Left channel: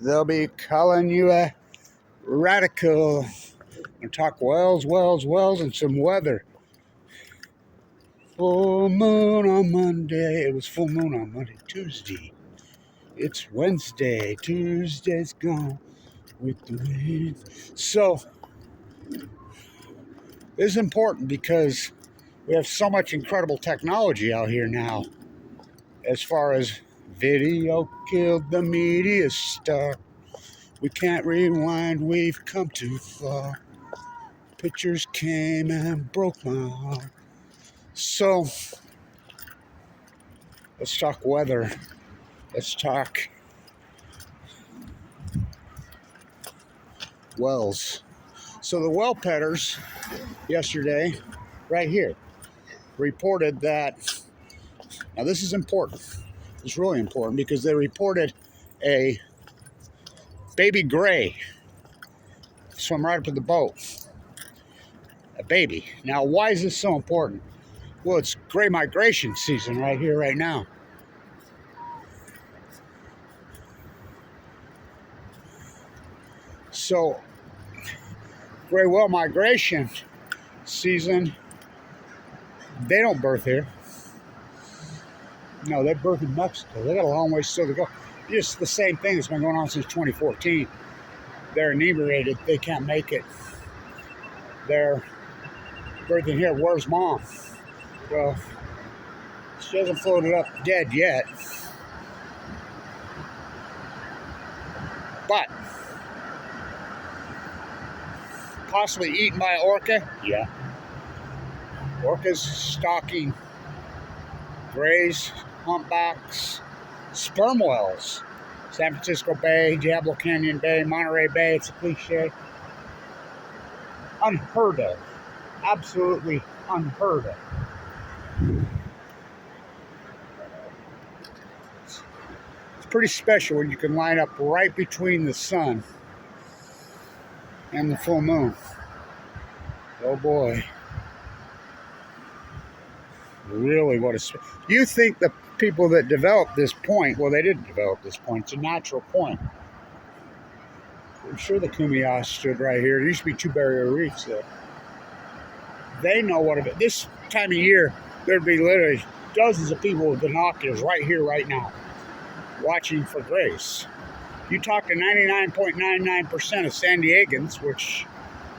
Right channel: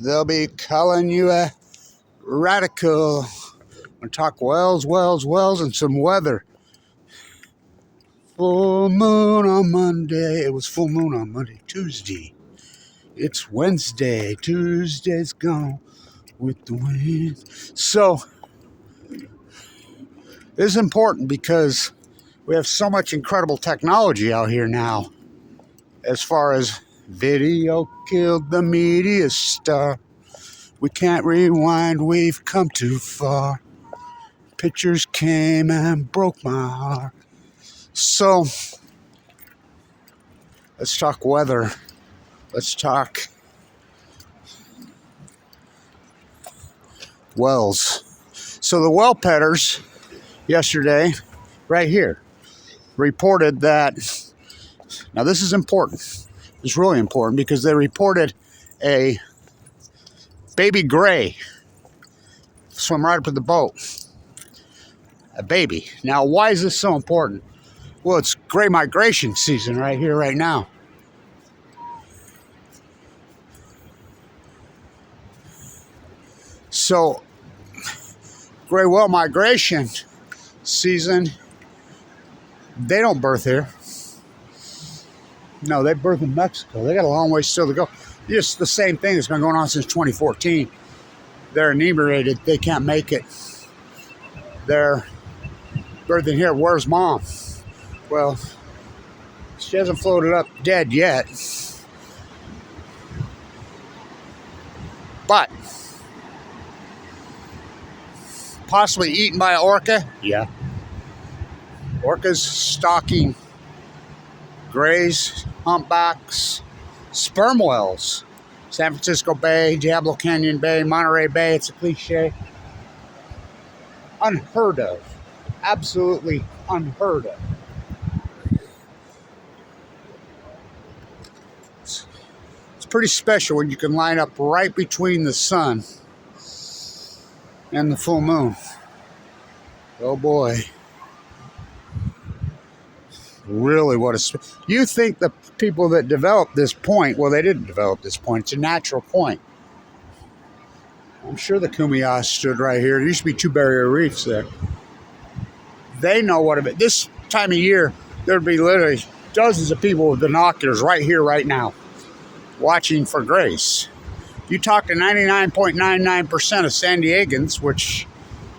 they'll be calling you a radical. I'm going to talk wells, and some weather. Full moon on Monday. It was full moon on Monday. Tuesday. It's Wednesday. Tuesday's gone with the wind. So, this is important because we have so much incredible technology out here now. As far as video killed the media star. We can't rewind, we've come too far. Pictures came and broke my heart. So, let's talk weather. Let's talk wells. So the well petters yesterday, right here, reported that, now this is important. It's really important because they reported a baby gray swim right up in the boat. A baby. Now, why is this so important? Well, it's gray migration season right here, right now. So, gray whale migration season, they don't birth here. No, they birth in Mexico. They got a long way still to go. Just the same thing that's been going on since 2014. They're inebriated. They can't make it. They're birthing here. Where's mom? Well, she hasn't floated up dead yet. But possibly eaten by an orca? Yeah. Orcas stalking grays, humpbacks, sperm whales. San Francisco Bay, Diablo Canyon Bay, Monterey Bay. It's a cliche. Unheard of. Absolutely unheard of. It's pretty special when you can line up right between the sun and the full moon. Oh boy. Really, what a... You think the people that developed this point, well, they didn't develop this point. It's a natural point. I'm sure the Kumeyash stood right here. There used to be 2 barrier reefs there. They know what it is. This time of year, there'd be literally dozens of people with binoculars right here, right now, watching for grays. You talk to 99.99% of San Diegans, which,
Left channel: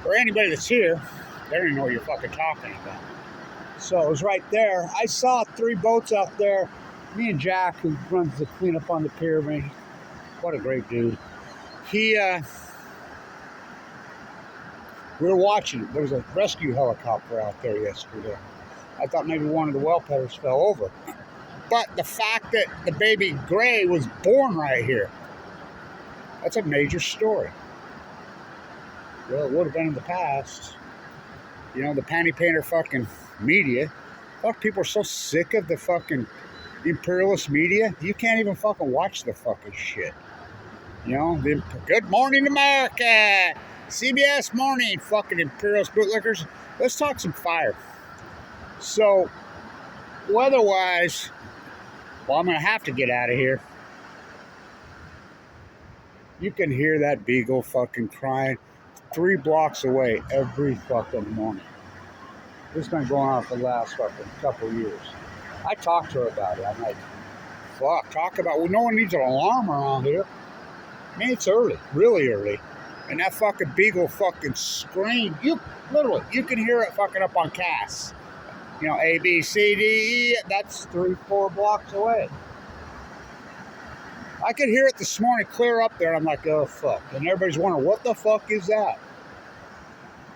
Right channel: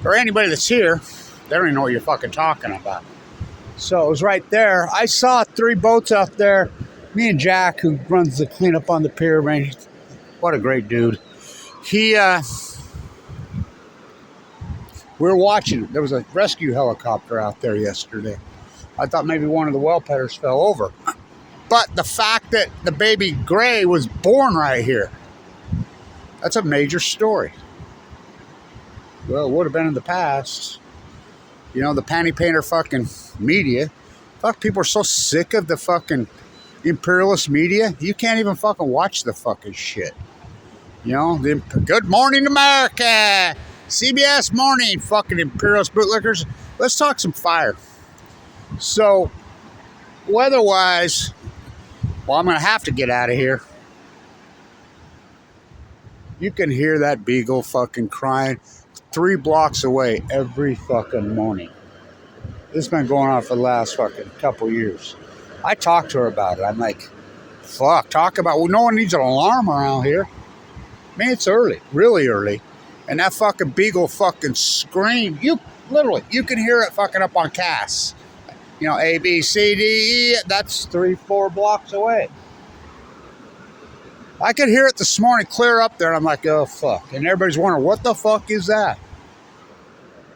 or anybody that's here, they don't even know what you're fucking talking about. So it was right there. I saw 3 boats out there. Me and Jack, who runs the cleanup on the pier, man, what a great dude. We were watching it. There was a rescue helicopter out there yesterday. I thought maybe one of the well petters fell over. But the fact that the baby gray was born right here, that's a major story. Well, it would have been in the past. You know, the panty painter fucking media. Fuck, people are so sick of the fucking imperialist media. You can't even fucking watch the fucking shit. You know, the Good Morning America, CBS Morning, fucking imperialist bootlickers. Let's talk some fire. So, weather-wise, well, I'm going to have to get out of here. You can hear that beagle fucking crying 3 blocks away every fucking morning. This has been going on for the last fucking couple years. I talked to her about it. I'm like, fuck, well, no one needs an alarm around here. Man, it's early, really early. And that fucking beagle fucking screamed. You can hear it fucking up on Cass. You know, A, B, C, D, E, that's 3-4 blocks away. I could hear it this morning clear up there, and I'm like, oh, fuck. And everybody's wondering, what the fuck is that?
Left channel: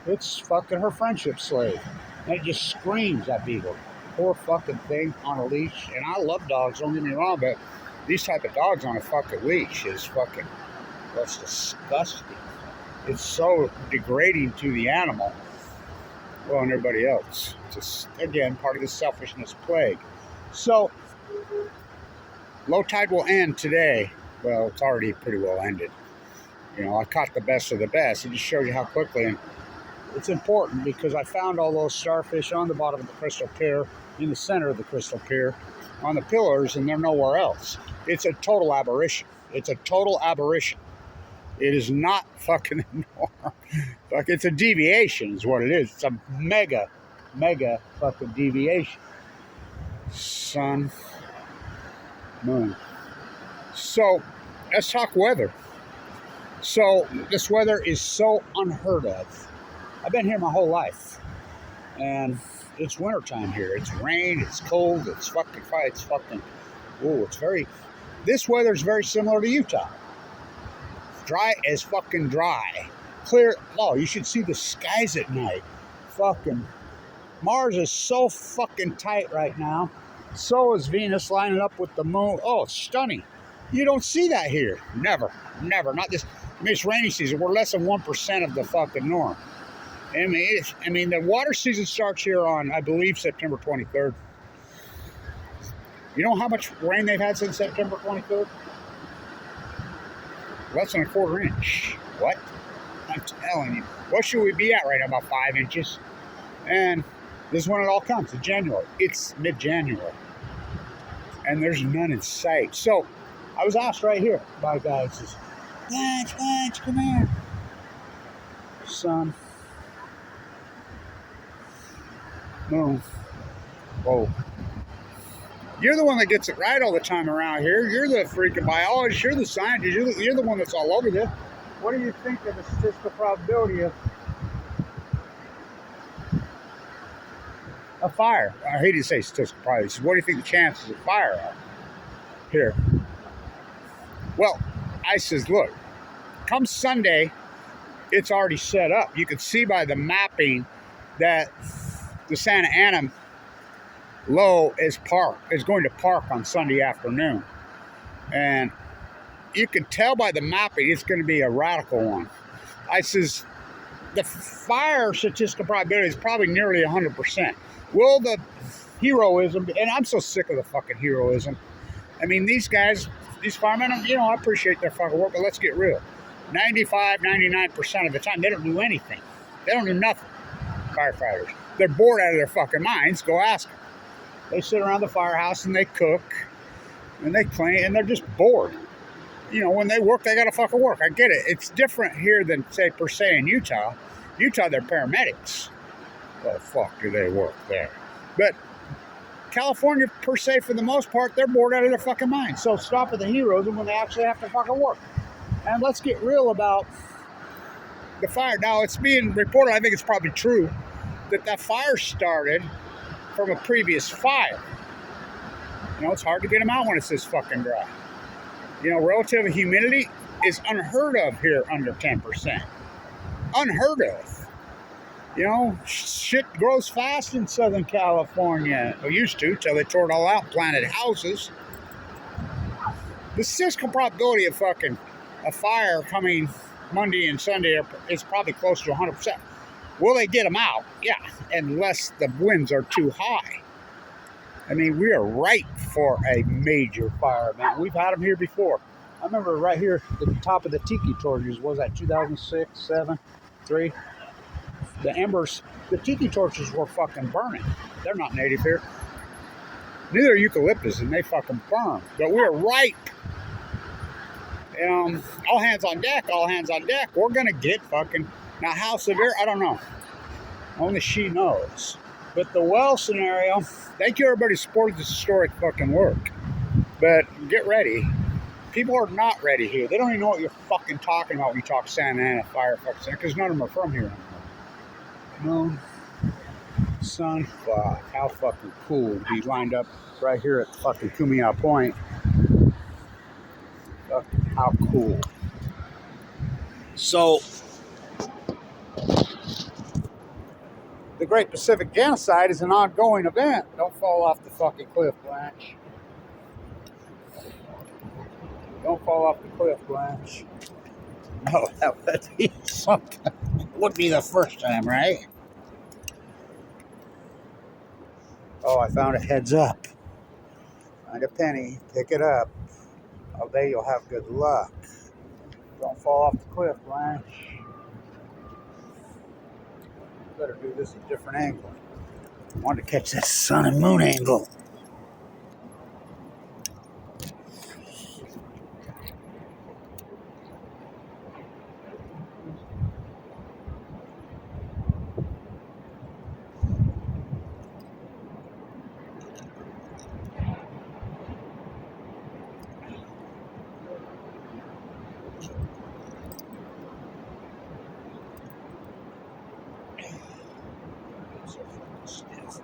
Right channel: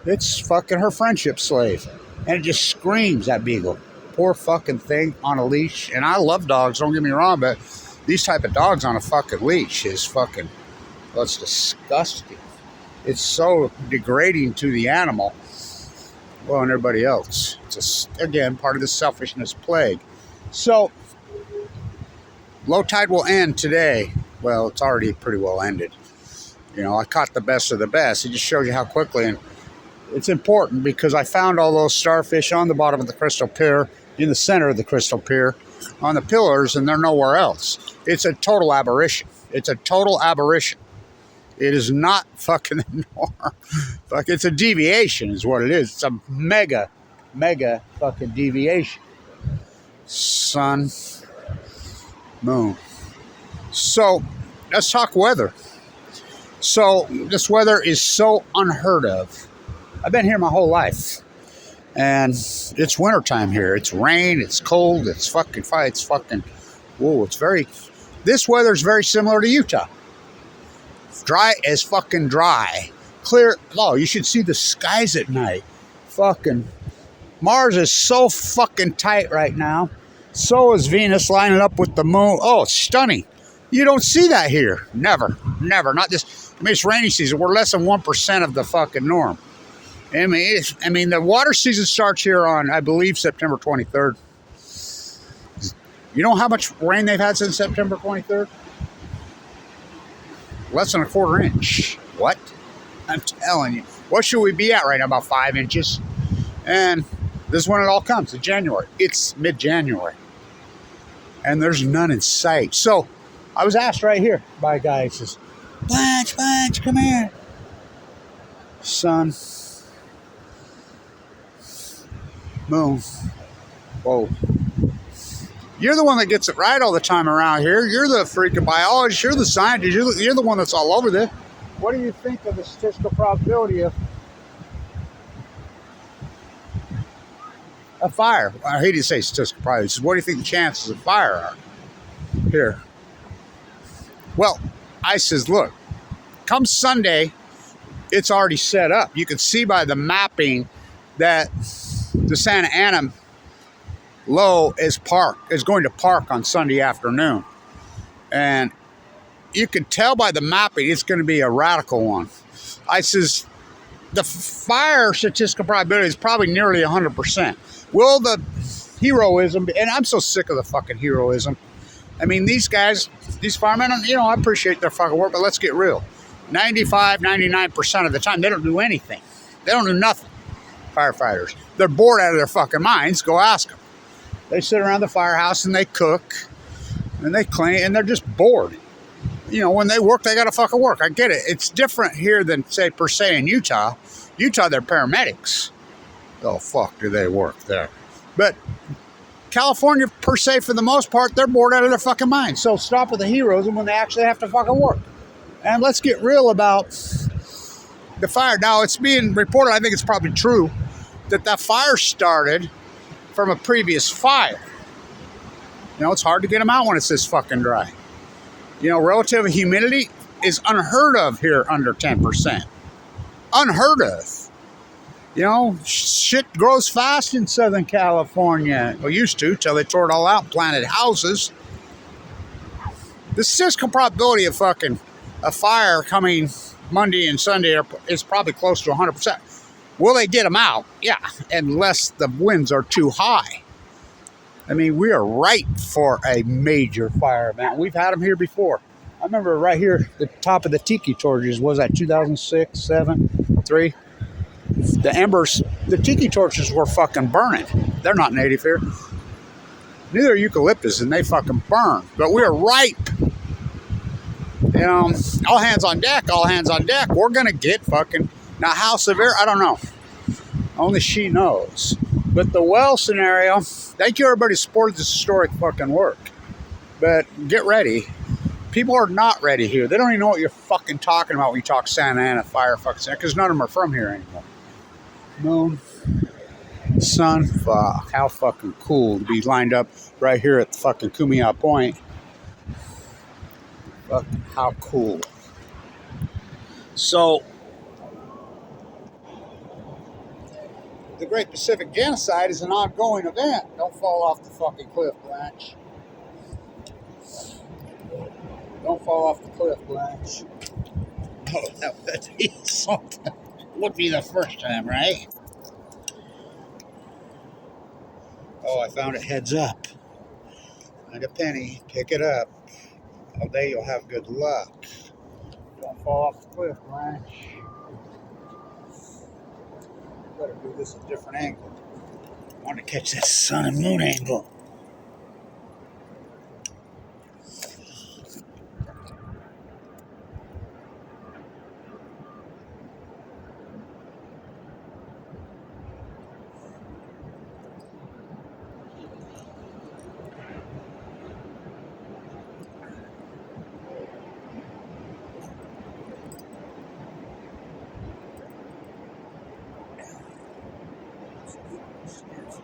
It's fucking her friendship slave. And it just screams, that beagle. Poor fucking thing on a leash. And I love dogs, don't get me wrong, but these type of dogs on a fucking leash is fucking, well, it's disgusting. It's so degrading to the animal. Well, and everybody else. It's just, again, part of the selfishness plague. So, low tide will end today. Well, it's already pretty well ended. You know, I caught the best of the best. It just shows you how quickly. And it's important because I found all those starfish on the bottom of the crystal pier, in the center of the crystal pier, on the pillars, and they're nowhere else. It's a total aberration. It's a total aberration. It is not fucking the norm. Fuck, it's a deviation is what it is. It's a mega fucking deviation. Sun, moon. So, let's talk weather. So, this weather is so unheard of. I've been here my whole life. And it's wintertime here. It's rain, it's cold, it's fucking fire, it's fucking, whoa, it's very, this weather's very similar to Utah. Dry as fucking dry. Clear, oh, you should see the skies at night. Fucking, Mars is so fucking tight right now. So is Venus lining up with the moon. Oh, it's stunning. You don't see that here. Never. Not this, I mean, it's rainy season. We're less than 1% of the fucking norm. I mean, the water season starts here on, I believe, September 23rd. You know how much rain they've had since September 23rd? Less than a quarter inch. What? I'm telling you. What should we be at right now? About 5 inches. And this is when it all comes, in January. It's mid-January. And there's none in sight. So, I was asked right here by a guy who says, Blanche, come here. Sun. Moon. Whoa. You're the one that gets it right all the time around here. You're the freaking biologist. You're the scientist. You're the one that's all over this. What do you think of the statistical probability of a fire? I hate to say statistical probability. What do you think the chances of fire are here? Well, I says, look, come Sunday, it's already set up. You can see by the mapping that the Santa Ana low is going to park on Sunday afternoon. And you can tell by the mapping it's going to be a radical one. I says, the fire statistical probability is probably nearly 100%. Will the heroism, and I'm so sick of the fucking heroism. I mean, these guys, these firemen, you know, I appreciate their fucking work, but let's get real. 95, 99% of the time, they don't do anything. They don't do nothing. Firefighters. They're bored out of their fucking minds. Go ask them. They sit around the firehouse and they cook and they clean and they're just bored. You know, when they work, they got to fucking work. I get it. It's different here than, say, per se in Utah. Utah, they're paramedics. Oh, fuck, do they work there. But California, per se, for the most part, they're bored out of their fucking minds. So stop with the heroism when they actually have to fucking work. And let's get real about the fire. Now, it's being reported, I think it's probably true, that fire started from a previous fire. You know, it's hard to get them out when it's this fucking dry. You know, relative humidity is unheard of here under 10%. Unheard of. You know, shit grows fast in Southern California. Well, used to, till they tore it all out and planted houses. The statistical probability of fucking a fire coming Monday and Sunday is probably close to 100%. Will they get them out? Yeah, unless the winds are too high. I mean, we are ripe for a major fire event. We've had them here before. I remember right here at the top of the tiki torches, was that 2006, 7, 3? The embers, the tiki torches were fucking burning. They're not native here. Neither are eucalyptus, and they fucking burn. But we're ripe. You know, all hands on deck, all hands on deck. We're going to get fucking... Now, how severe? I don't know. Only she knows. But the well scenario, thank you everybody who supported this historic fucking work. But get ready. People are not ready here. They don't even know what you're fucking talking about when you talk Santa Ana fire fucking Santa, because none of them are from here anymore. Moon, sun, fuck. How fucking cool to be lined up right here at the fucking Kumeyaw Point. Fuck, how cool. So, the Great Pacific Genocide is an ongoing event. Don't fall off the fucking cliff, Blanche. Don't fall off the cliff, Blanche. Oh, that would be something. Would be the first time, right? Oh, I found a heads up. Find a penny, pick it up. All day you'll have good luck. Don't fall off the cliff, Blanche. Better do this at a different angle. I want to catch that sun and moon angle. So fucking stiff.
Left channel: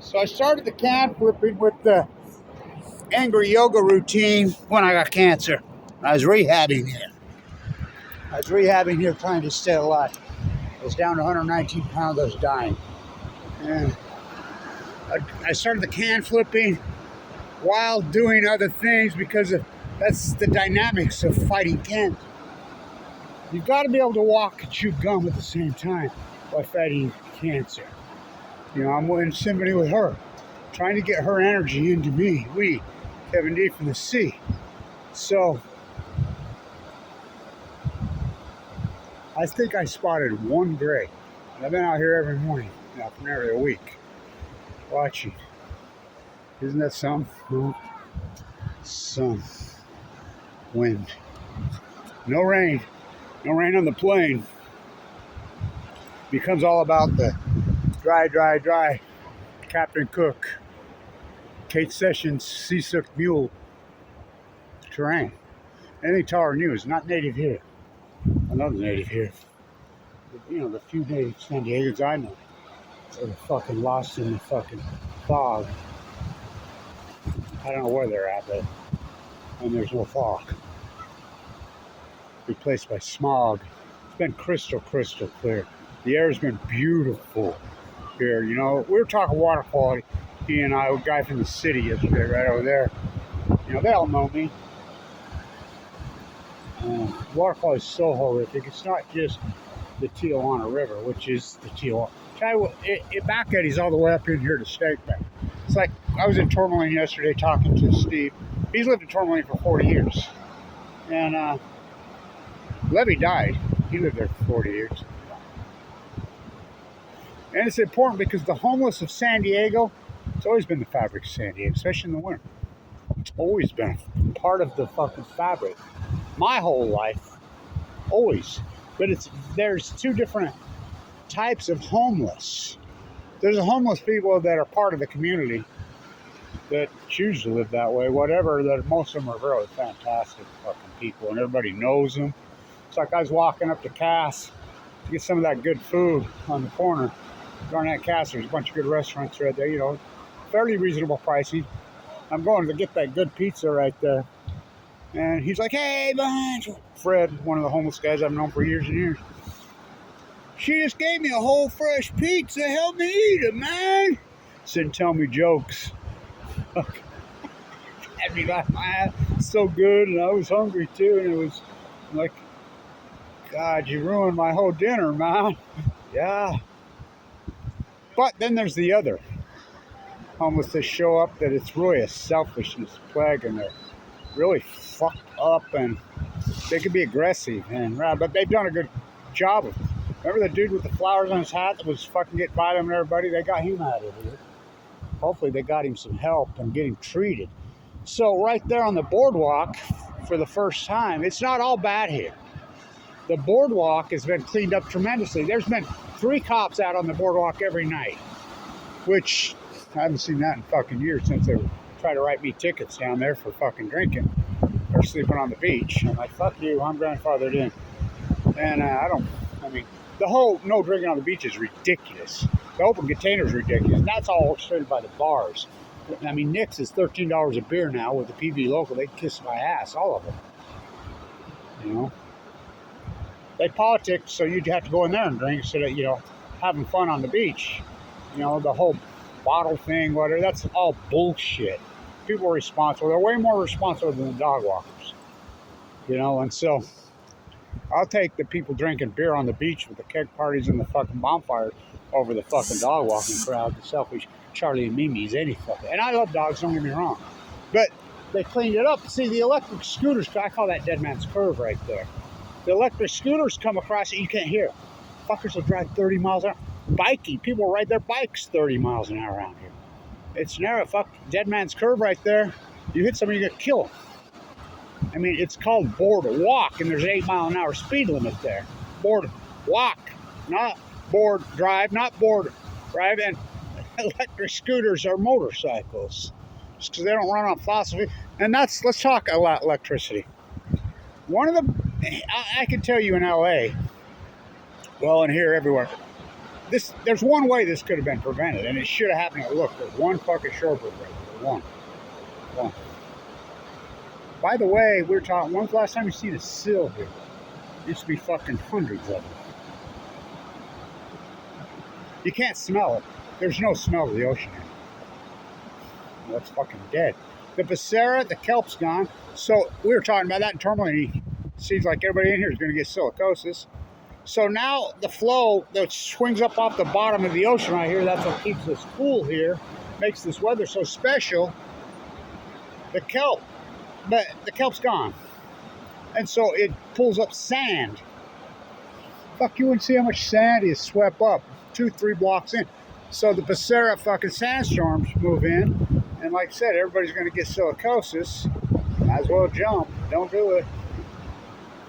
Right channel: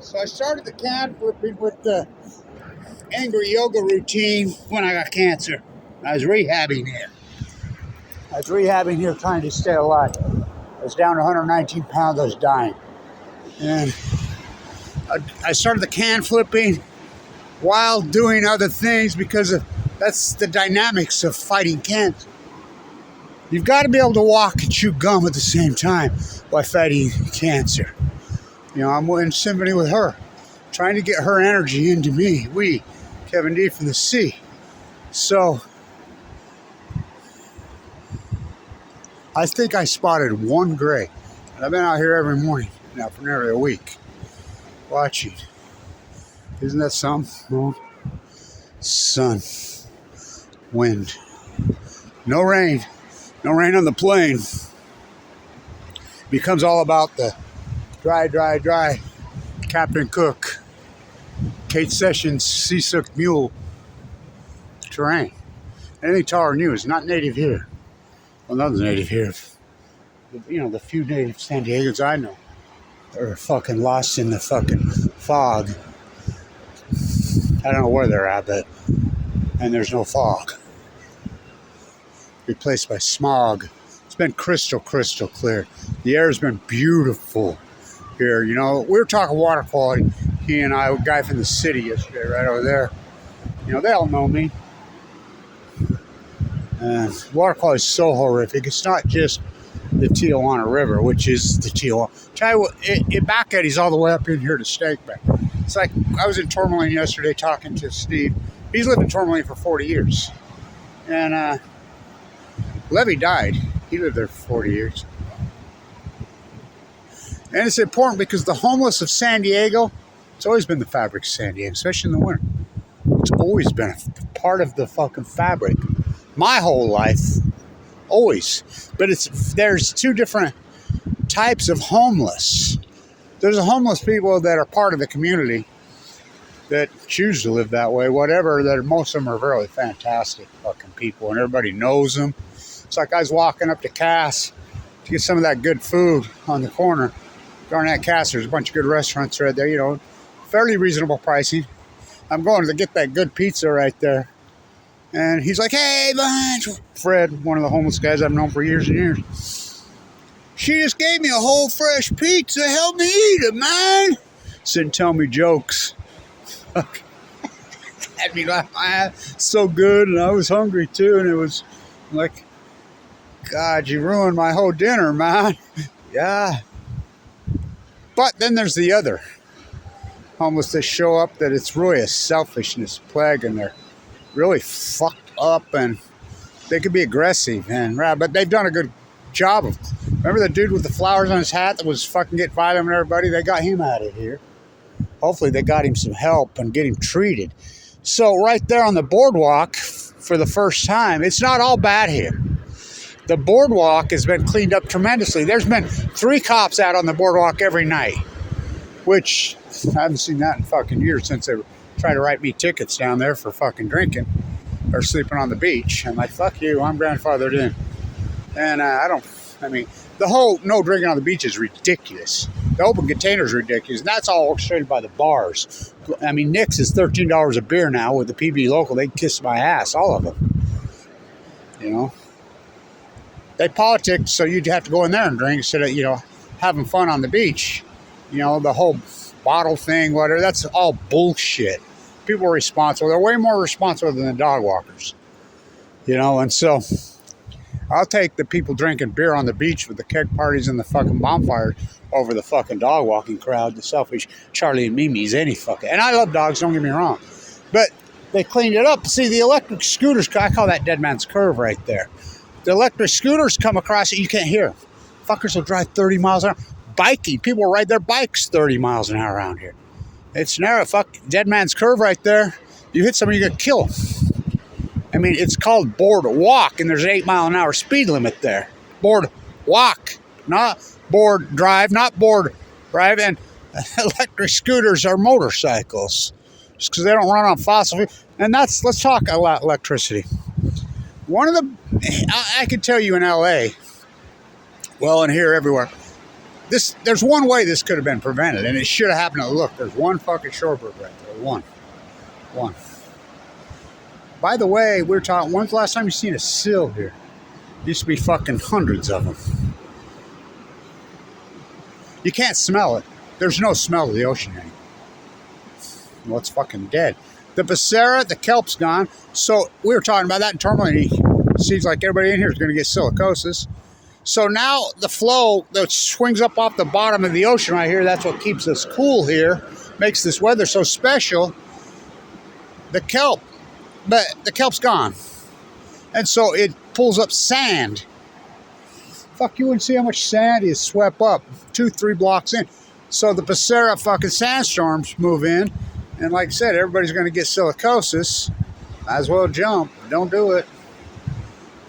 So I started the can flipping with the angry yoga routine when I got cancer. I was rehabbing here. Trying to stay alive. I was down to 119 pounds. I was dying. And I started the can flipping while doing other things because that's the dynamics of fighting cancer. You've got to be able to walk and chew gum at the same time while fighting cancer. You know, I'm in symphony with her, trying to get her energy into me. We, Kevin D from the sea. So, I think I spotted one gray. And I've been out here every morning now for nearly a week, watching. Isn't that something? Moon, sun, wind. No rain. No rain on the plain. Becomes all about the dry. Captain Cook, Kate Sessions, Seasick Mule terrain. Anything taller than you is not native here. Well, nothing's native here. You know, the few native San Diegans I know are fucking lost in the fucking fog. I don't know where they're at, but and there's no fog. Replaced by smog. It's been crystal clear. The air's been beautiful here. You know, we were talking water quality. He and I, a guy from the city yesterday, right over there. You know, they all know me. And water quality is so horrific. It's not just the Tijuana River, which is the Tijuana. Tell you what, back at he's all the way up in here to Steakback. It's like I was in Tourmaline yesterday talking to Steve. He's lived in Tourmaline for 40 years. And Levy died. He lived there for 40 years. And it's important because the homeless of San Diego, it's always been the fabric of San Diego, especially in the winter. It's always been a part of the fucking fabric. My whole life, always. But there's two different types of homeless. There's the homeless people that are part of the community that choose to live that way, whatever. That most of them are really fantastic fucking people, and everybody knows them. It's like I was walking up to Cass to get some of that good food on the corner. Garnett Cass, there's a bunch of good restaurants right there, you know, fairly reasonable pricing. I'm going to get that good pizza right there. And he's like, hey, Fred, one of the homeless guys I've known for years and years. She just gave me a whole fresh pizza. Help me eat it, man. Said, tell me jokes. Had me laugh my ass so good, and I was hungry too, and it was like, God, you ruined my whole dinner, man. Yeah. But then there's the other homeless that show up that it's really a selfishness plague, and they're really fucked up, and they could be aggressive, but they've done a good job of. Remember the dude with the flowers on his hat that was fucking getting violent with everybody? They got him out of here. Hopefully they got him some help and get him treated. So right there on the boardwalk, for the first time, it's not all bad here. The boardwalk has been cleaned up tremendously. There's been 3 cops out on the boardwalk every night, which I haven't seen that in fucking years since they tried to write me tickets down there for fucking drinking or sleeping on the beach. I'm like, fuck you, I'm grandfathered in. And the whole no drinking on the beach is ridiculous. The open container is ridiculous. And that's all orchestrated by the bars. I mean, Nick's is $13 a beer now with the PB local. They kiss my ass, all of them. You know, they politic, so you'd have to go in there and drink instead of, you know, having fun on the beach. You know, the whole bottle thing, whatever, that's all bullshit. People are responsible. They're way more responsible than the dog walkers. You know, and so I'll take the people drinking beer on the beach with the keg parties and the fucking bonfires over the fucking dog walking crowd, the selfish Charlie and Mimi's, any fucking. And I love dogs, don't get me wrong. But they cleaned it up. See, the electric scooters, I call that dead man's curve right there. The electric scooters come across it, you can't hear them. Fuckers will drive 30 miles an hour. Biking, people ride their bikes 30 miles an hour around here. It's narrow, fuck, dead man's curve right there. You hit somebody, you're gonna kill them. I mean, it's called board walk, and there's an 8-mile-an-hour speed limit there. Board walk, not board drive, not board drive. And electric scooters are motorcycles, just because they don't run on fossil fuel. And let's talk about electricity. One of the, I can tell you in LA, well, and here everywhere, there's one way this could have been prevented, and it should have happened. Look, there's one fucking shorebird right there. One. By the way, we're talking, when's the last time you seen a seal here? Used to be fucking hundreds of them. You can't smell it. There's no smell of the ocean anymore. Well, it's fucking dead. The Becerra, the kelp's gone. So we were talking about that in terminal, and it seems like everybody in here is going to get silicosis. So now the flow that swings up off the bottom of the ocean right here, that's what keeps us cool here, makes this weather so special. The kelp, but the kelp's gone. And so it pulls up sand. Fuck, you wouldn't see how much sand is swept up 2-3 blocks in. So the Becerra fucking sandstorms move in. And like I said, everybody's going to get silicosis. Might as well jump. Don't do it.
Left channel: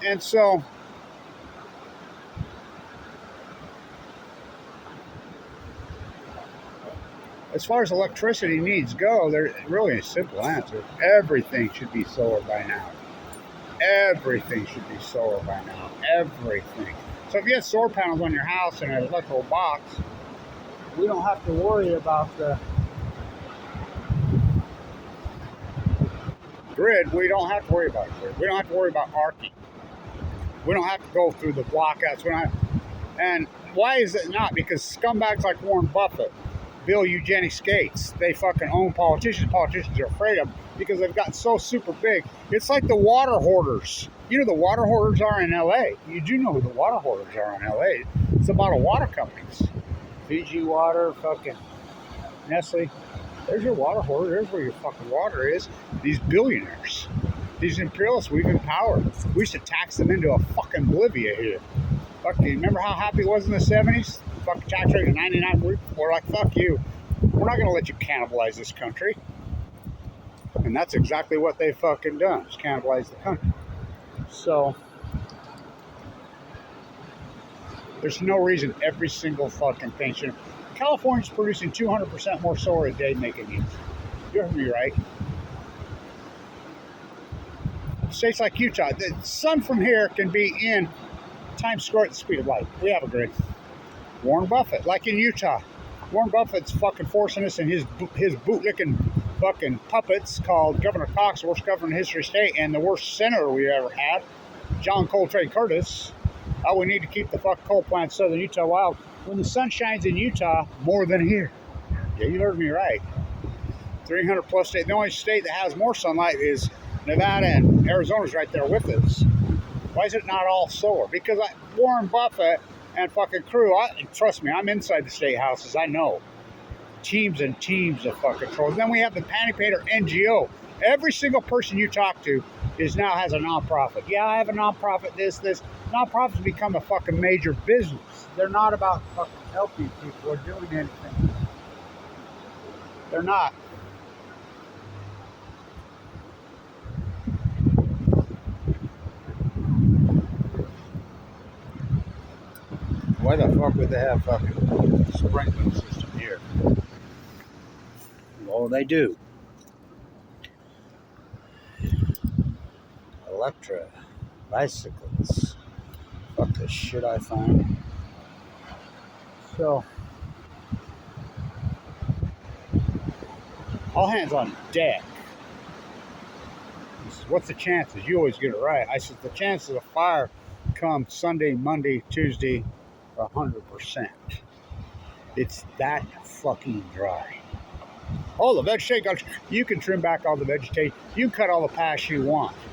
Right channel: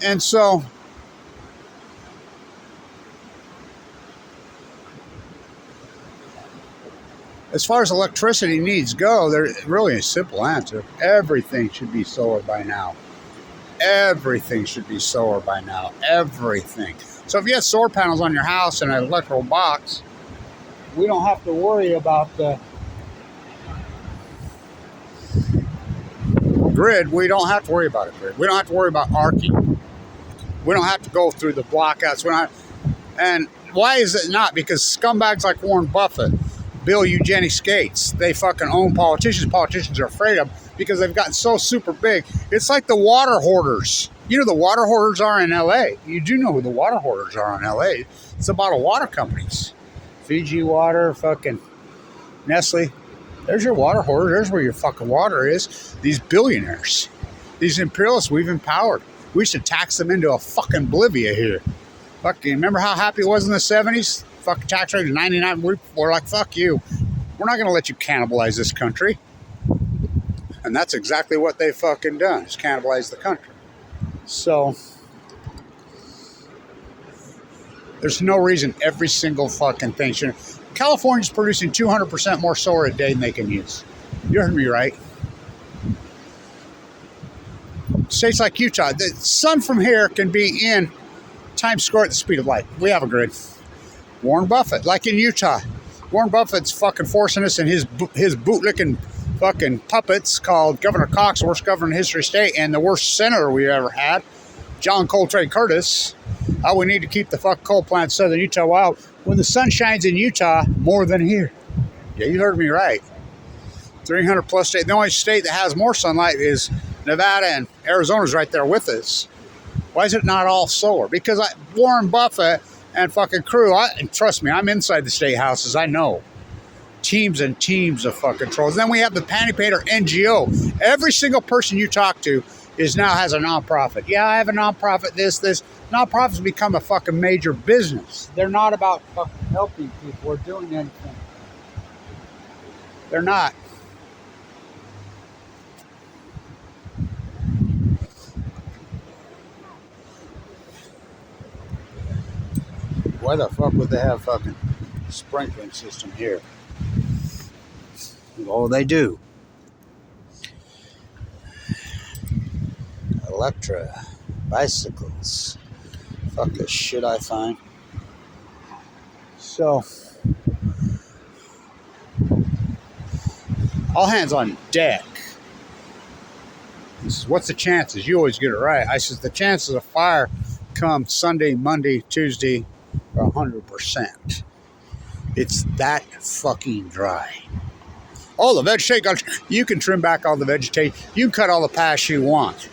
And so as far as electricity needs go, there's really a simple answer. Everything should be solar by now. Everything should be solar by now. Everything. So if you have solar panels on your house and an electrical box, we don't have to worry about the grid. We don't have to worry about it. We don't have to worry about arcing. We don't have to go through the blockouts. And why is it not? Because scumbags like Warren Buffett, Bill Eugenics Gates, they fucking own politicians. Politicians are afraid of them because they've gotten so super big. It's like the water hoarders. You know the water hoarders are in LA. You do know who the water hoarders are in LA. It's the bottled water companies. Fiji Water, fucking Nestle. There's your water hoarder. There's where your fucking water is. These billionaires. These imperialists we've empowered. We should tax them into a fucking oblivia here. Fucking, remember how happy it was in the 70s? Fucking tax rate of 99. We're like, fuck you. We're not going to let you cannibalize this country. And that's exactly what they've fucking done, is cannibalize the country. So there's no reason every single fucking thing should. California's producing 200% more solar a day than they can use. You heard me right. States like Utah, the sun from here can be in Times Square at the speed of light. We have a grid. Warren Buffett, like in Utah, Warren Buffett's fucking forcing us, and his bootlicking fucking puppets called Governor Cox, the worst governor in history of state, and the worst senator we ever had, John Coltrane Curtis. We need to keep the fuck coal plants southern Utah wild when the sun shines in Utah more than here. Yeah, you heard me right. 300 plus state. The only state that has more sunlight is Nevada, and Arizona's right there with us. Why is it not all solar? Because Warren Buffett and fucking crew, and trust me, I'm inside the state houses, I know. Teams and teams of fucking trolls. Then we have the Panty Painter NGO. Every single person you talk to now has a nonprofit. Yeah, I have a nonprofit, this. Nonprofits become a fucking major business. They're not about fucking helping people or doing anything. They're not. Why the fuck would they have fucking sprinkling system here? Oh, they do. Electra, bicycles. Fuck this shit I find. So, All hands on deck. He says, what's the chances? You always get it right. I says, the chances of fire come Sunday, Monday, Tuesday are 100%. It's that fucking dry. All the vegetation, you can trim back all the vegetation. You can cut all the paths you want.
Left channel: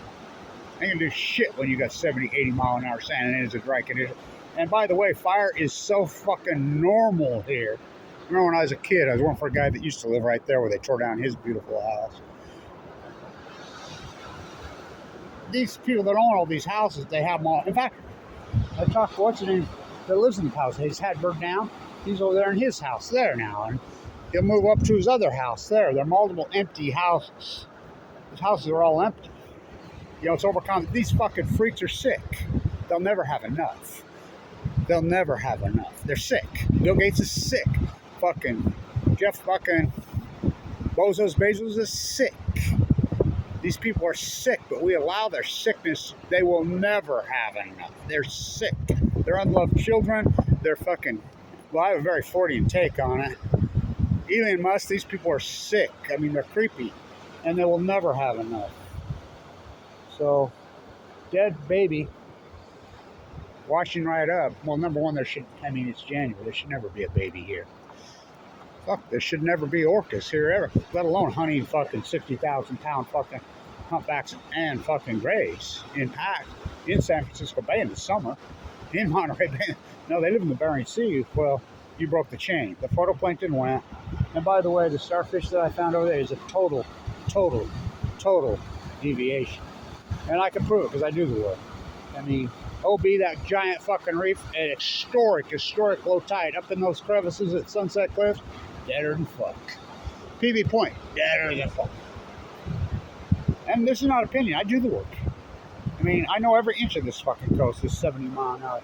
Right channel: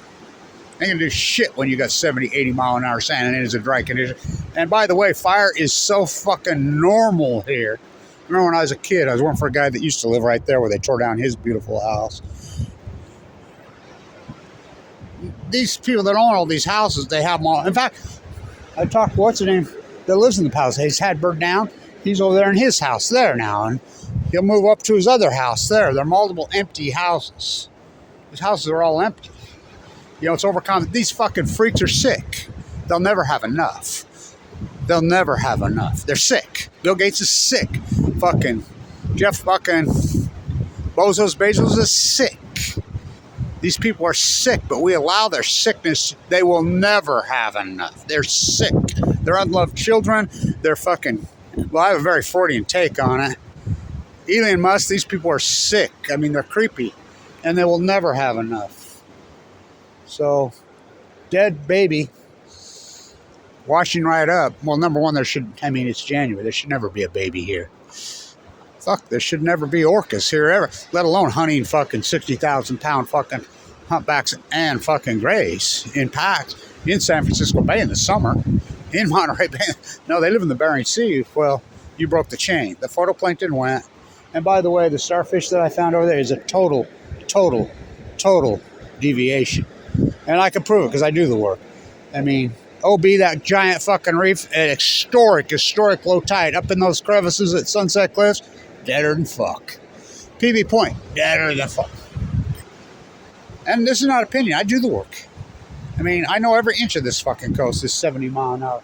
Ain't gonna do shit when you got 70, 80 mile an hour sand and it is a dry condition. And by the way, fire is so fucking normal here. Remember when I was a kid, I was working for a guy that used to live right there where they tore down his beautiful house. These people that own all these houses, they have them all. In fact, I talked to what's his name that lives in the house. He's had burned down. He's over there in his house there now, and he'll move up to his other house there. There are multiple empty houses. His houses are all empty. You know, it's overcome. These fucking freaks are sick. They'll never have enough. They'll never have enough. They're sick. Bill Gates is sick. Fucking Jeff fucking Bezos is sick. These people are sick, but we allow their sickness. They will never have enough. They're sick. They're unloved children. They're fucking, well, I have a very Freudian take on it. Elon Musk, these people are sick. I mean, they're creepy, and they will never have enough. So, dead baby, washing right up. Well, number one, it's January. There should never be a baby here. Fuck, there should never be orcas here ever, let alone hunting fucking 60,000 pound fucking humpbacks and fucking grays in packs in San Francisco Bay in the summer, in Monterey Bay. No, they live in the Bering Sea. Well, you broke the chain. The phytoplankton went. And by the way, the starfish that I found over there is a total deviation. And I can prove it because I do the work. I mean, OB, that giant fucking reef, an historic low tide up in those crevices at Sunset Cliffs, deader than fuck. PB Point, deader than fuck. And this is not opinion. I do the work. I mean, I know every inch of this fucking coast is 70 mile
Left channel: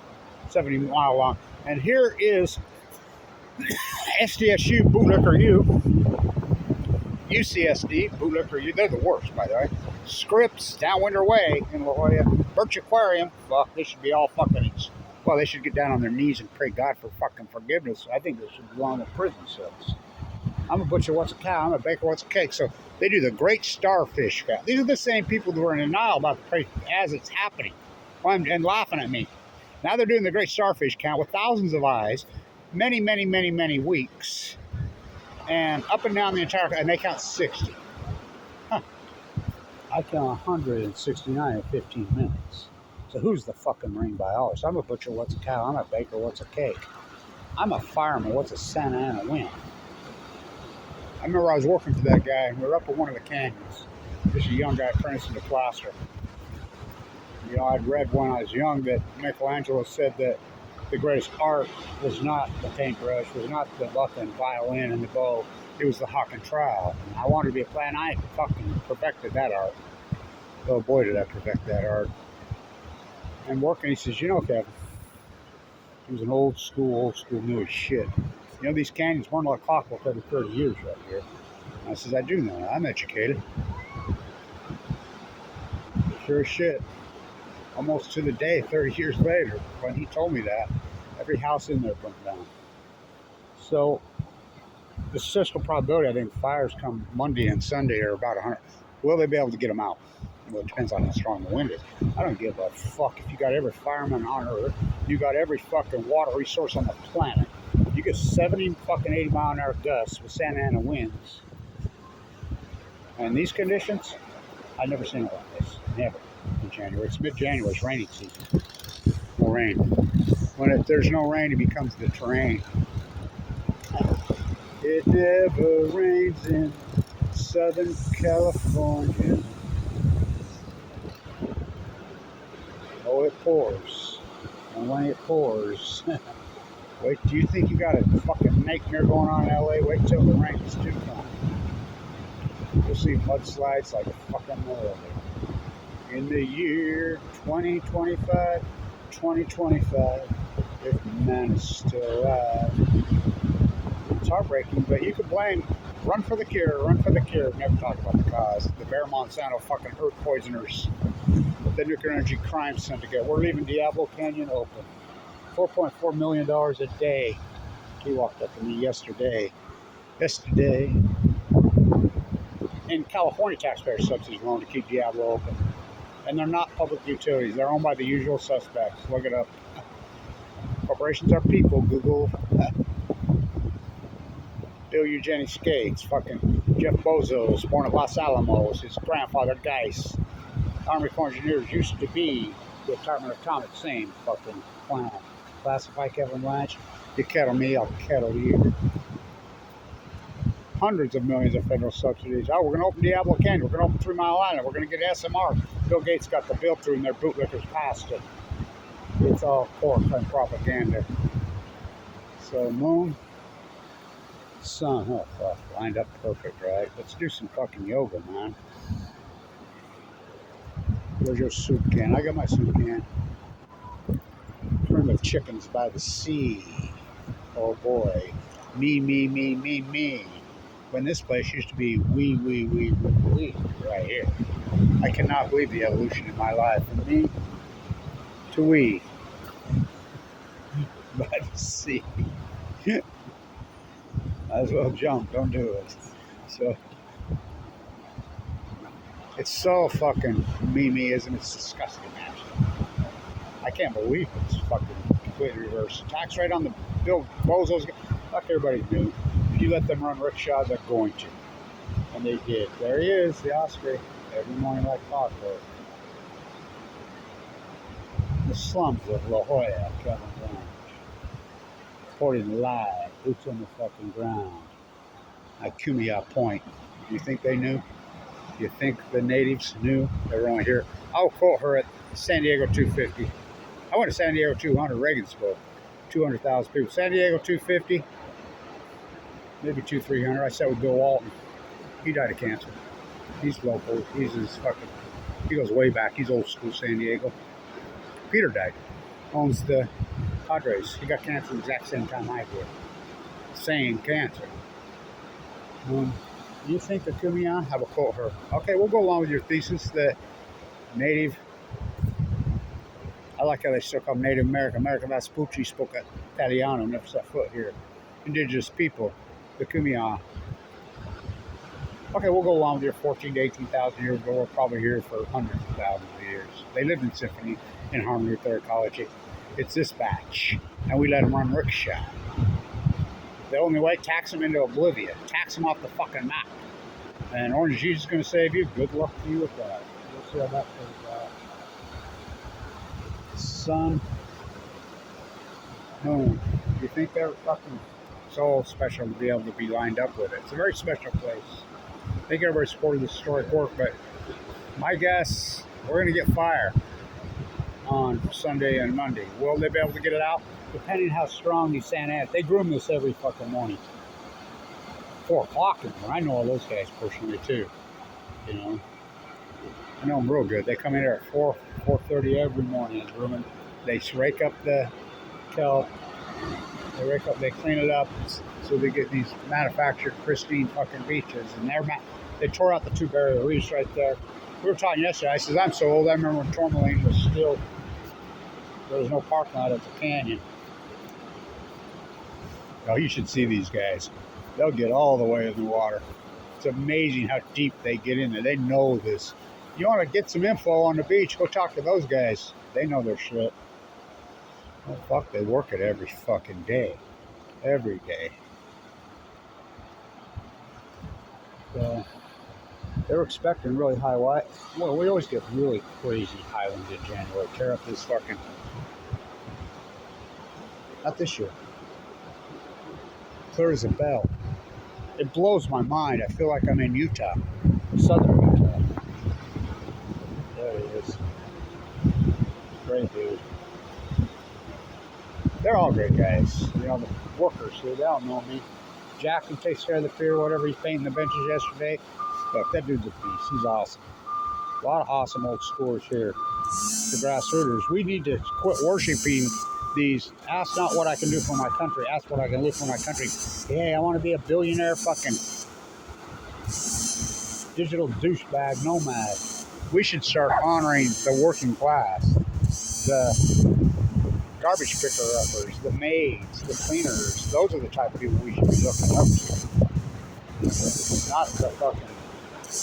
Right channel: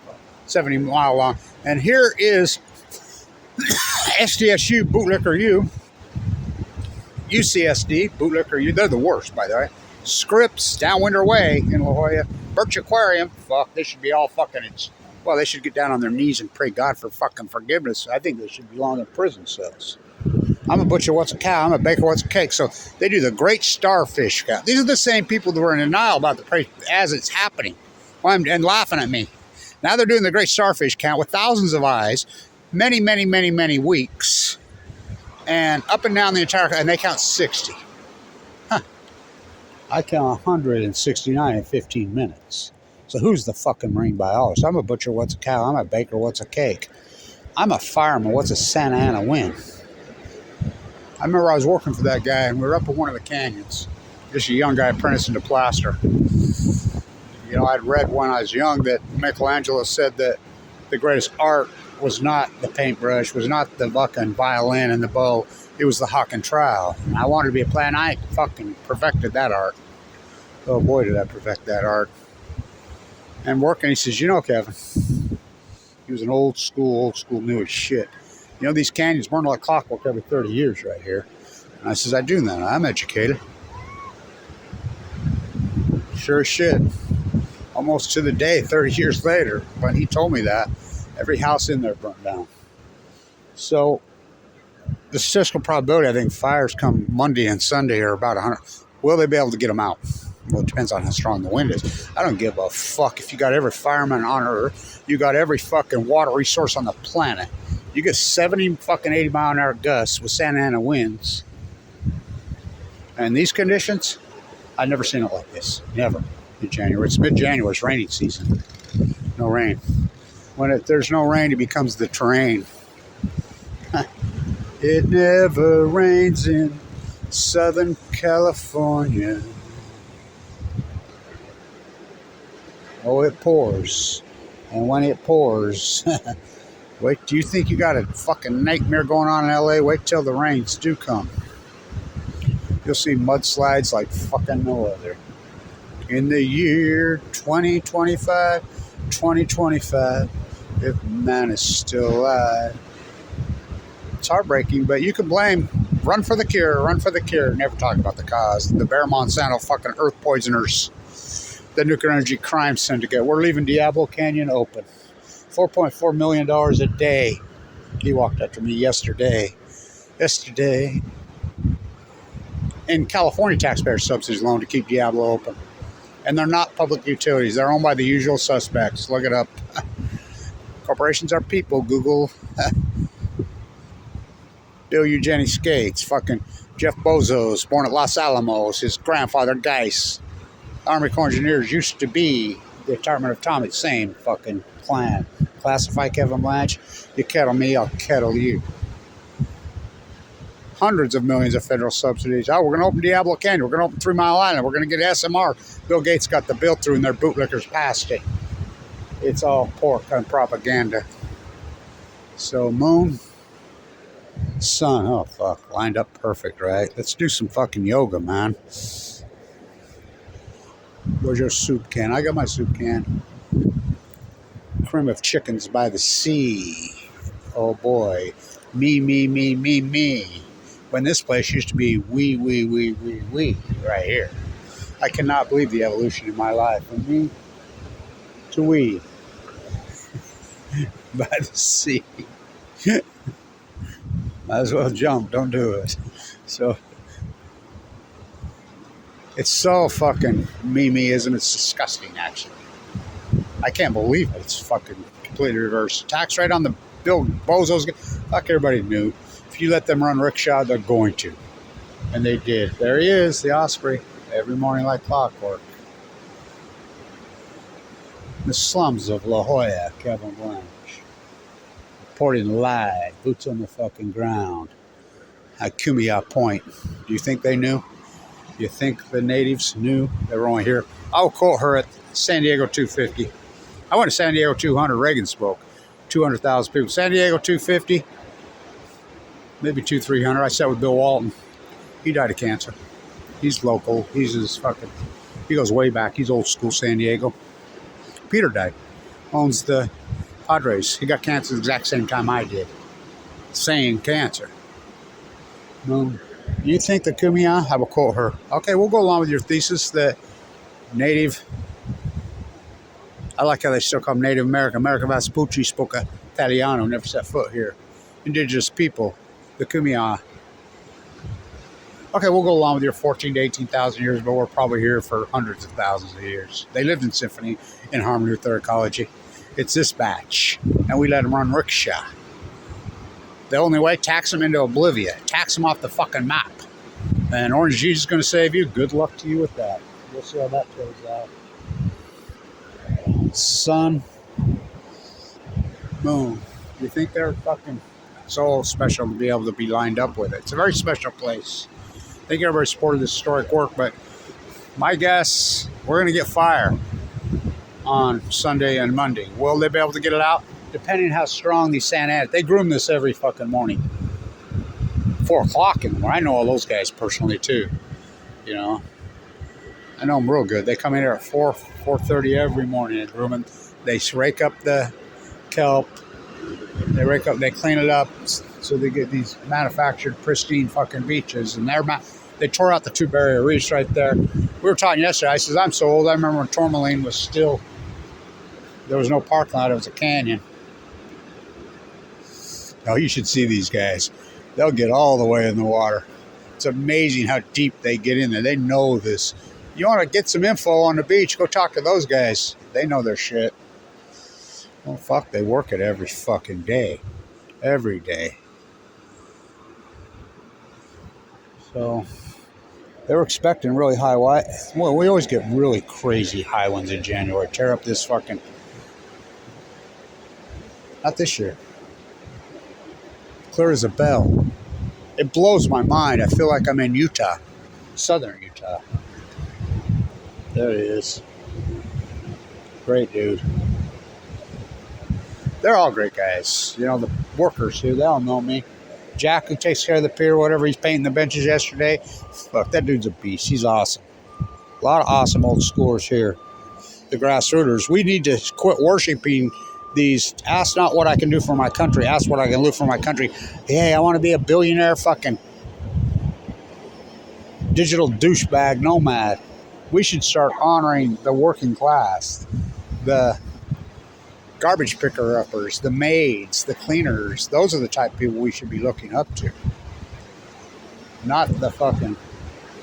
long. And here is SDSU, Bootlicker U, UCSD, Bootlicker U. They're the worst, by the way. Scripps, Downwinder Way in La Jolla, Birch Aquarium. Fuck, they should be all fucking. Well, they should get down on their knees and pray God for fucking forgiveness. I think they should belong in prison cells. I'm a butcher, what's a cow? I'm a baker, what's a cake? So they do the great starfish count. These are the same people that were in denial about the prayer as it's happening and laughing at me. Now they're doing the great starfish count with thousands of eyes, many weeks, and up and down the entire, and they count 60. Huh. I count 169 in 15 minutes. So who's the fucking marine biologist? I'm a butcher, what's a cow? I'm a baker, what's a cake? I'm a fireman, what's a Santa Ana wind? I remember I was working for that guy, and we were up in one of the canyons. Just a young guy apprenticing to plaster. You know, I'd read when I was young that Michelangelo said that the greatest art was not the paintbrush, was not the fucking violin and the bow. It was the hawk and trowel. And I wanted to be a player, and I fucking perfected that art. Oh boy, did I perfect that art. And working, he says, you know, Kevin, he was an old school new as shit. You know, these canyons burn like clockwork every 30 years right here. And I says, I do that. I'm educated. Sure as shit. Almost to the day, 30 years later, when he told me that, every house in there burnt down. So the statistical probability, I think, fires come Monday and Sunday are about 100. Will they be able to get them out? Well, it depends on how strong the wind is. I don't give a fuck if you got every fireman on Earth, you got every fucking water resource on the planet. You get 70 fucking 80 mile an hour gusts with Santa Ana winds. And these conditions, I've never seen it like this. Never. In January. It's mid-January. It's raining season. No rain. When there's no rain, it becomes the terrain. It never rains in Southern California. Oh, it pours. And when it pours, wait, do you think you got a fucking nightmare going on in LA? Wait till the rains do come. You'll see mudslides like fucking no other. In the year 2025, if man is still alive. It's heartbreaking, but you can blame. Run for the cure. Never talk about the cause. The Bear Monsanto fucking earth poisoners. The nuclear energy crime syndicate. We're leaving Diablo Canyon open. $4.4 million a day. He walked up to me yesterday. And California taxpayers subsidies loan to keep Diablo open. And they're not public utilities. They're owned by the usual suspects. Look it up. Corporations are people. Google Bill Eugenie Skates. Fucking Jeff Bezos, born at Los Alamos. His grandfather, Geis. Army Corps Engineers used to be the Department of Atomic. Same fucking clan. Classify Kevin Blanche. You kettle me, I'll kettle you. Hundreds of millions of federal subsidies. Oh, we're going to open Diablo Canyon. We're going to open 3 Mile Island. We're going to get SMR. Bill Gates got the bill through and their bootlickers passed it. It's all pork and propaganda. So, moon, sun, oh fuck, lined up perfect, right? Let's do some fucking yoga, man. Where's your soup can? I got my soup can. Cream of chickens by the sea. Oh boy. Me. When this place used to be we, right here. I cannot believe the evolution in my life. From me to we. By the sea. Might as well jump, don't do it. So, it's so fucking me-ism, it's disgusting, actually. I can't believe it. It's fucking completely reversed. Tax rate on the Bill Bozos. Fuck, everybody knew. If you let them run rickshaw, they're going to. And they did. There he is, the Osprey. Every morning like clockwork. The slums of La Jolla, Kevin Blanche. Reporting live, boots on the fucking ground. At Kumeyaw Point. Do you think they knew? Do you think the natives knew they were only here? I'll quote her at San Diego 250. I went to San Diego 200. Reagan spoke. 200,000 people. San Diego 250. Maybe 300. I sat with Bill Walton. He died of cancer. He's local. He's his fucking. He goes way back. He's old school San Diego. Peter died. Owns the Padres. He got cancer the exact same time I did. Same cancer. You think the Kumeyaw? I will quote her. Okay, we'll go along with your thesis that Native. I like how they still call them Native American. America Vespucci spoke Italiano, never set foot here. Indigenous people, the Kumeyaw. Okay, we'll go along with your 14 to 18,000 years, but we're probably here for hundreds of thousands of years. They lived in symphony, in harmony with their ecology. It's this batch, and we let them run rickshaw. The only way, tax them into oblivion. Tax them off the fucking map. And Orange Jesus is going to save you. Good luck to you with that. We'll see how that plays out. Sun, moon. You think they're fucking so special to be able to be lined up with it? It's a very special place. I think everybody supported this historic work, but my guess, we're going to get fire on Sunday and Monday. Will they be able to get it out? Depending on how strong these Santa Ana. They groom this every fucking morning. 4 o'clock in the morning. I know all those guys personally too. You know. I know them real good. They come in here at 4:30 every morning and groom them. They rake up the kelp. They clean it up so they get these manufactured pristine fucking beaches. And they tore out the 2 barrier reefs right there. We were talking yesterday. I says, I'm so old. I remember when Tourmaline was still, there was no parking lot. It was a canyon. Oh, you should see these guys. They'll get all the way in the water. It's amazing how deep they get in there. They know this. You want to get some info on the beach, go talk to those guys. They know their shit. Oh, fuck, they work it every fucking day. Every day. So, they were expecting really high. Well, we always get really crazy high ones in January. Tear up this fucking... Not this year. Clear as a bell. It blows my mind. I feel like I'm in Utah. Southern Utah. There it is. Great dude. They're all great guys. You know, the workers here, they all know me. Jack, who takes care of the pier, whatever, he's painting the benches yesterday. Look, that dude's a beast. He's awesome. A lot of awesome old schoolers here. The grassrooters. We need to quit worshiping these. Ask not what I can do for my country. Ask what I can do for my country. Hey, I want to be a billionaire fucking digital douchebag nomad. We should start honoring the working class. The garbage picker-uppers, the maids, the cleaners. Those are the type of people we should be looking up to. Not the fucking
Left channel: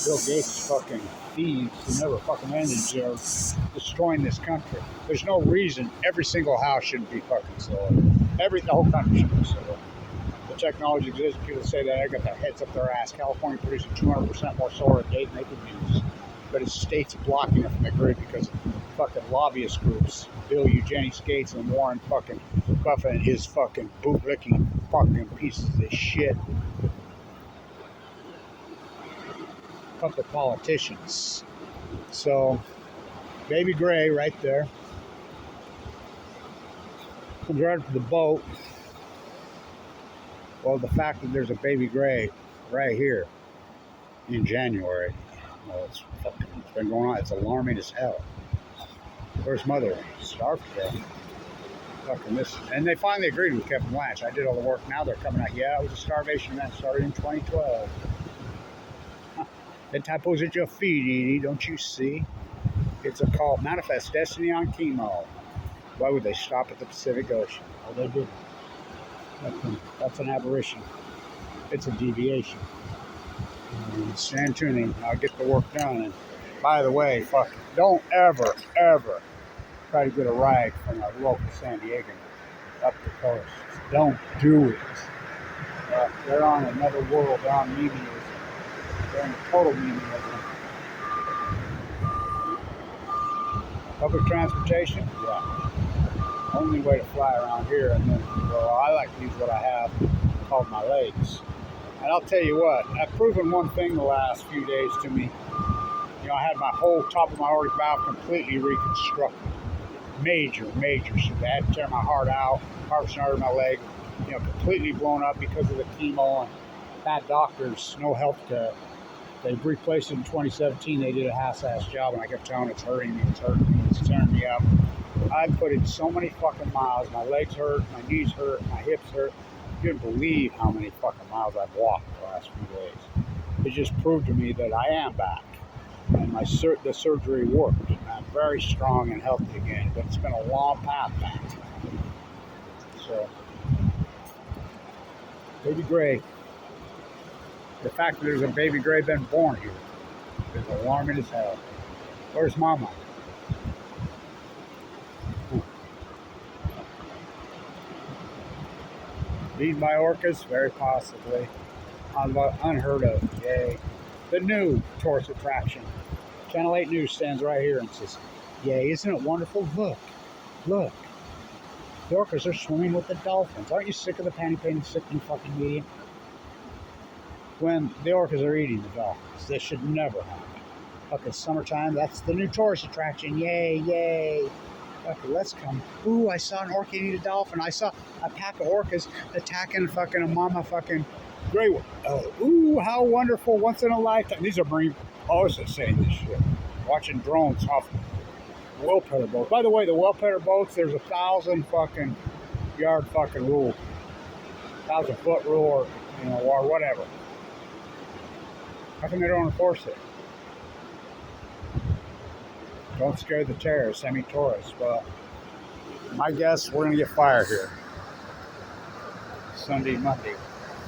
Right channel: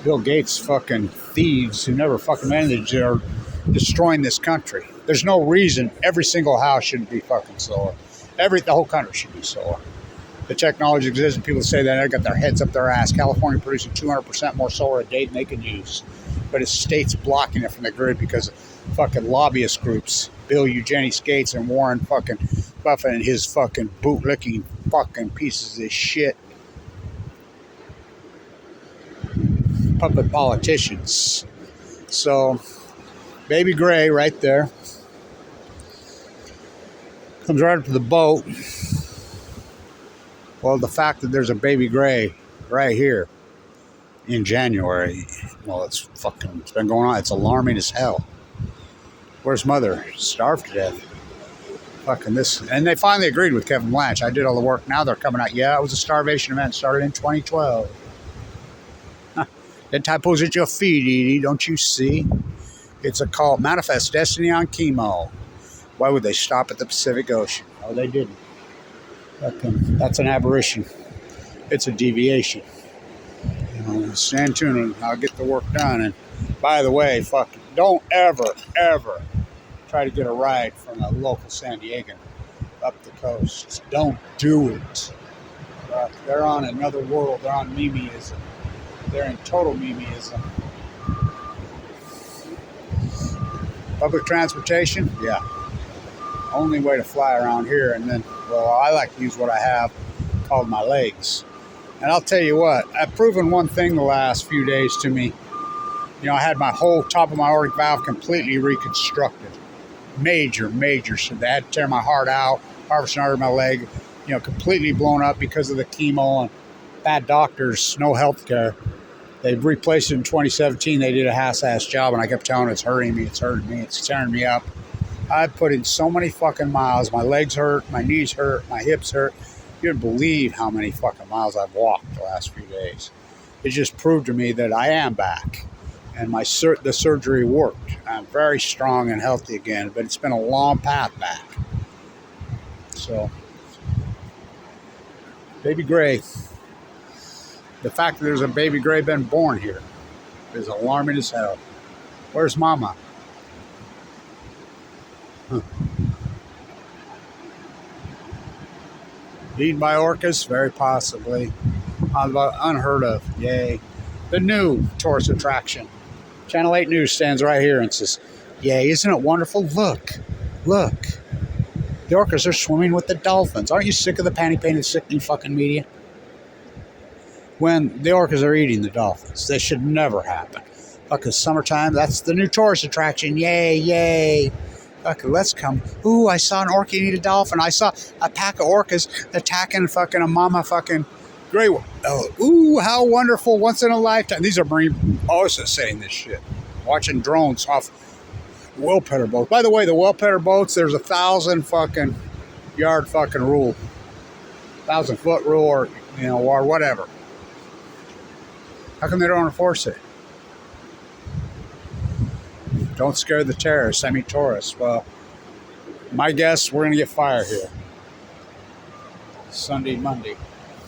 Bill Gates fucking thieves who never fucking managed are destroying this country. There's no reason every single house shouldn't be fucking solar. The whole country should be solar. The technology exists, and people say that they got their heads up their ass. California producing 200% more solar a day than they can use, but its state's blocking it from the grid because of fucking lobbyist groups, Bill Eugenie Gates and Warren fucking Buffett and his fucking bootlicking fucking pieces of shit puppet politicians. So, Baby Gray right there comes right up to the boat. Well, the fact that there's a Baby Gray right here in January, well, it's been going on. It's alarming as hell. Where's Mother? Starved to death. Fucking this. And they finally agreed with Kevin Blanche. I did all the work. Now they're coming out. Yeah, it was a starvation event. Started in 2012. That typo's at your feet, Edie. Don't you see? It's a cult. Manifest Destiny on chemo. Why would they stop at the Pacific Ocean? Oh, they didn't. That's an aberration. It's a deviation. Stand tuned and I'll get the work done. And by the way, don't ever try to get a ride from a local San Diegan up the coast. Don't do it. They're on another world. They're on memeism. They're in total memeism. Public transportation? Yeah. Only way to fly around here, and then, well, I like to use what I have called my legs. And I'll tell you what, I've proven one thing the last few days to me. I had my whole top of my aortic valve completely reconstructed. Major. So they had to tear my heart out, harvesting artery in my leg, completely blown up because of the chemo and bad doctors, no health care. They replaced it in 2017. They did a half-ass job, and I kept telling them it's hurting me, it's tearing me up. I put in so many fucking miles. My legs hurt, my knees hurt, my hips hurt. You wouldn't believe how many fucking miles I've walked the last few days. It just proved to me that I am back, and the surgery worked. I'm very strong and healthy again, but it's been a long path back. So, Baby Gray. The fact that there's a Baby Gray been born here is alarming as hell. Where's Mama? Eaten by orcas? Very possibly. Unheard of. Yay. The new tourist attraction. Channel 8 News stands right here and says, yay, isn't it wonderful? Look. The orcas are swimming with the dolphins. Aren't you sick of the panty-painted, sickening fucking media? When the orcas are eating the dolphins. This should never happen. Fucking summertime, that's the new tourist attraction. Yay. Okay, let's come. Ooh, I saw an orca eat a dolphin. I saw a pack of orcas attacking fucking a mama fucking gray one. Oh, ooh, how wonderful. Once in a lifetime. These are marine also saying this shit. Watching drones off whale petter boats. By the way, the whale petter boats, there's 1,000 fucking yard fucking rule. 1,000-foot rule or whatever. How come they don't enforce it? Don't scare the terrorists. I mean tourists. Well, my guess, we're going to get fire here. Sunday, Monday.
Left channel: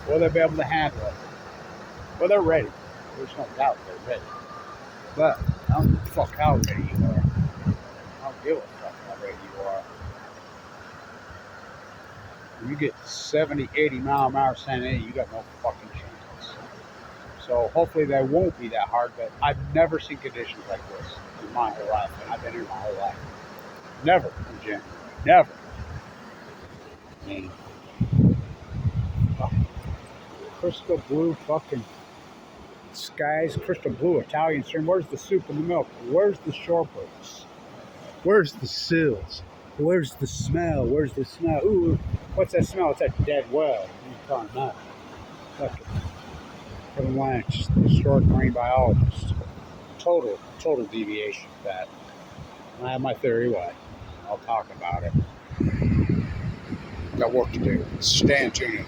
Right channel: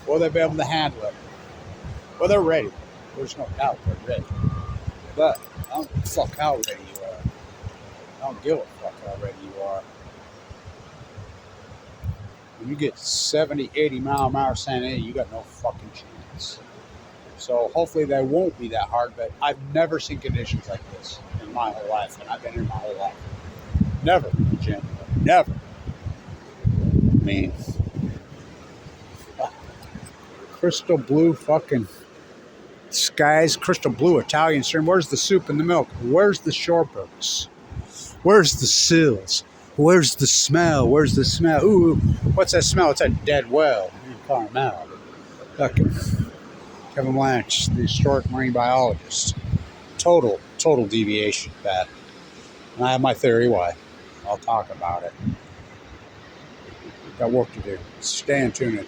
Will they be able to handle it? Well, they're ready. There's no doubt they're ready. But I don't give a fuck how ready you are. I don't give a fuck how ready you are. When you get 70, 80 mile an hour San Diego, you got no fucking chance. So hopefully they won't be that hard, but I've never seen conditions like this in my whole life, and I've been here my whole life. Never in January. Never. I mean, crystal blue fucking skies, crystal blue Italian stream. Where's the soup and the milk? Where's the shorebirds? Where's the seals? Where's the smell? Where's the smell? Ooh, what's that smell? It's a dead whale. You can't remember. Fucking Kevin Blanche, the historic marine biologist. Total deviation, that. And I have my theory why. I'll talk about it. Got work to do. Stand tuned.